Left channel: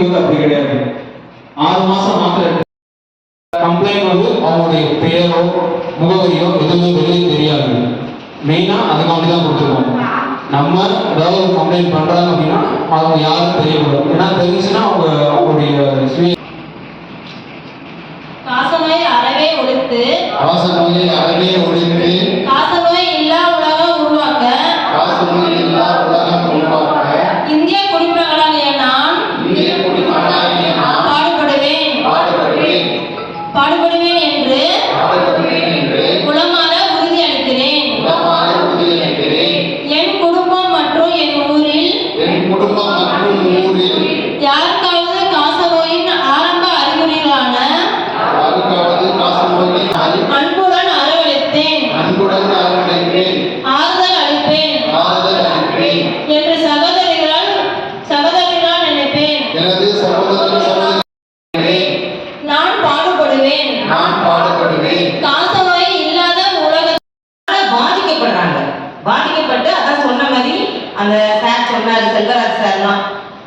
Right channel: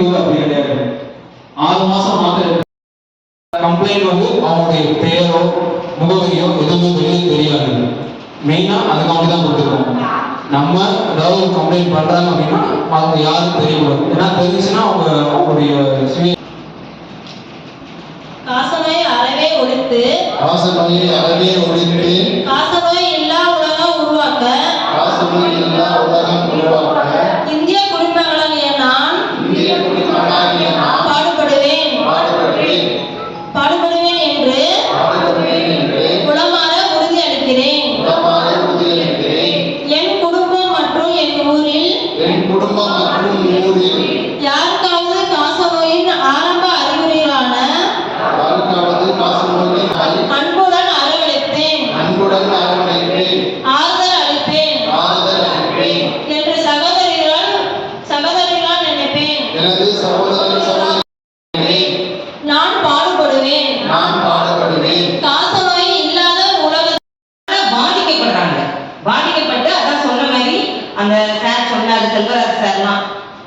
போது அப்படி கிடையாது. ஆறு மாசம் மாத்திரை கம்ப்ளைண்ட் வந்து அவங்களுடைய பெயரோ முகவரியோ எதுவுமே வெளியே தெரியாது. மெயினா அதுக்காண்டி தான் கொடுத்துருக்கோம் நம்ம ஏதாவது ஒரு கம்ப்ளைண்ட் பண்றாங்க அப்படின்னா அவங்க யாரும் தெரியக்கூடாது. ஏன்னா தெரிஞ்சுச்சுன்னா அவங்க அவங்களுடைய காசநோய் அறவே ஒழித்து காசநோயை அறவே ஒழித்து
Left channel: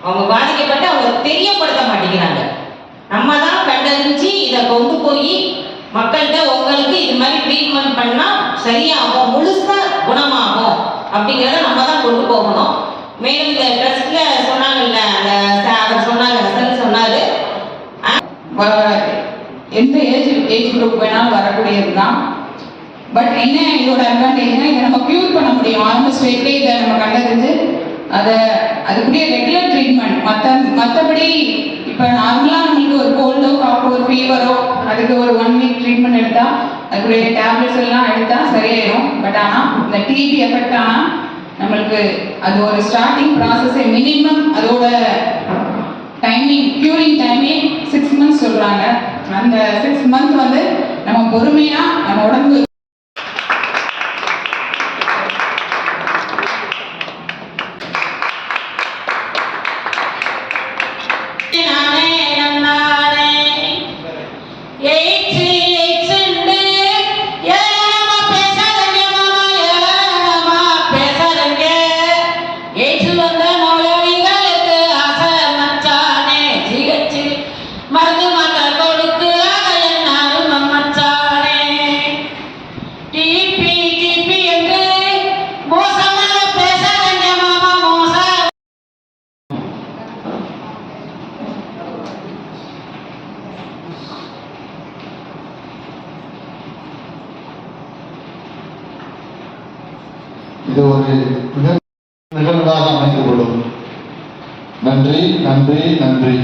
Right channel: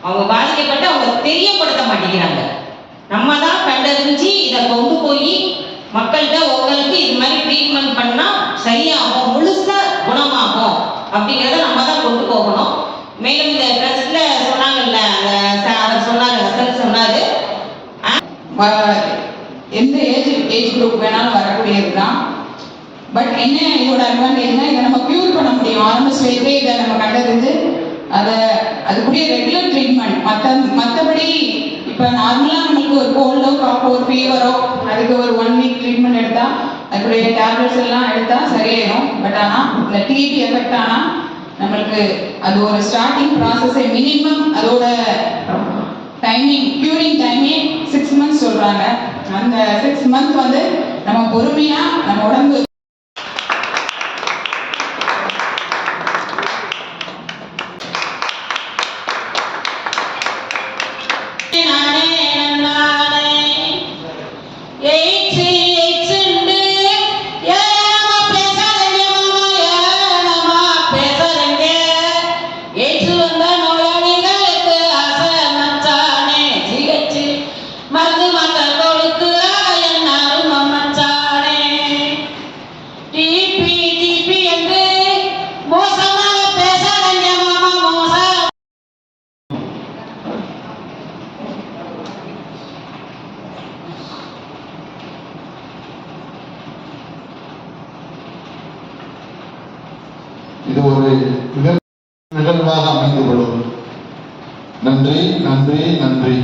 அவங்க பாதிக்கப்பட்டு அவங்க தெரியப்படுத்த மாட்டேங்கிறாங்க. நம்ம தான் கண்டறிஞ்சு இதை கொண்டு போய் மக்கள்கிட்ட உங்களுக்கு இது மாதிரி ட்ரீட்மெண்ட் பண்ணா சரியாகும் முழுசா குணமாகும் அப்படிங்கிறத நம்ம தான் கொண்டு போகணும். மேலும் இந்த ட்ரஸ்ட்ல சொன்னாங்கல்ல அந்த அவர் சொன்னாரு ஹசன் சொன்னாரு. எந்த ஏஜ் ஏஜ் குரூப் வேணாலும் வரக்கூடியது தான் பட் என்ன இதோட அட்வான்டேஜ்னா இதை நம்ம க்யூர் பண்ண முடியும். ஆரம்ப ஸ்டேஜ்லேயே இதை நம்ம கண்டறிஞ்சு அதை அதுக்குரிய ரெகுலர் ட்ரீட்மெண்ட் மற்ற மற்றபடி இப்போ நார்மலாக நம்மளுக்கு ஒரு கோல்டோ காப்போ ஒரு ஃபீவரோ அதுக்கு ஒரு ஒன் வீக் ட்ரீட்மெண்ட் எடுத்தால் அதுக்குரிய டேப்லெட்ஸ் எல்லாம் எடுத்தால் சரியாயிடும் பட் ஆனால் இந்த டிபி எஃபெக்ட் ஆனால் நம்மளுக்கு அது ஒரு ஸ்டார்டிங் ப்ராசஸே மினிமம் அதோட timing curing timing six months சொல்கிறாங்க அந்த சிக்ஸ் மந்த் வந்து நம்ம பொறுமையாக நம்ம உடம்பு இது ஒரு நிகழ்வாக அமைந்துவிடும் நன்றி நன்றி நன்றி.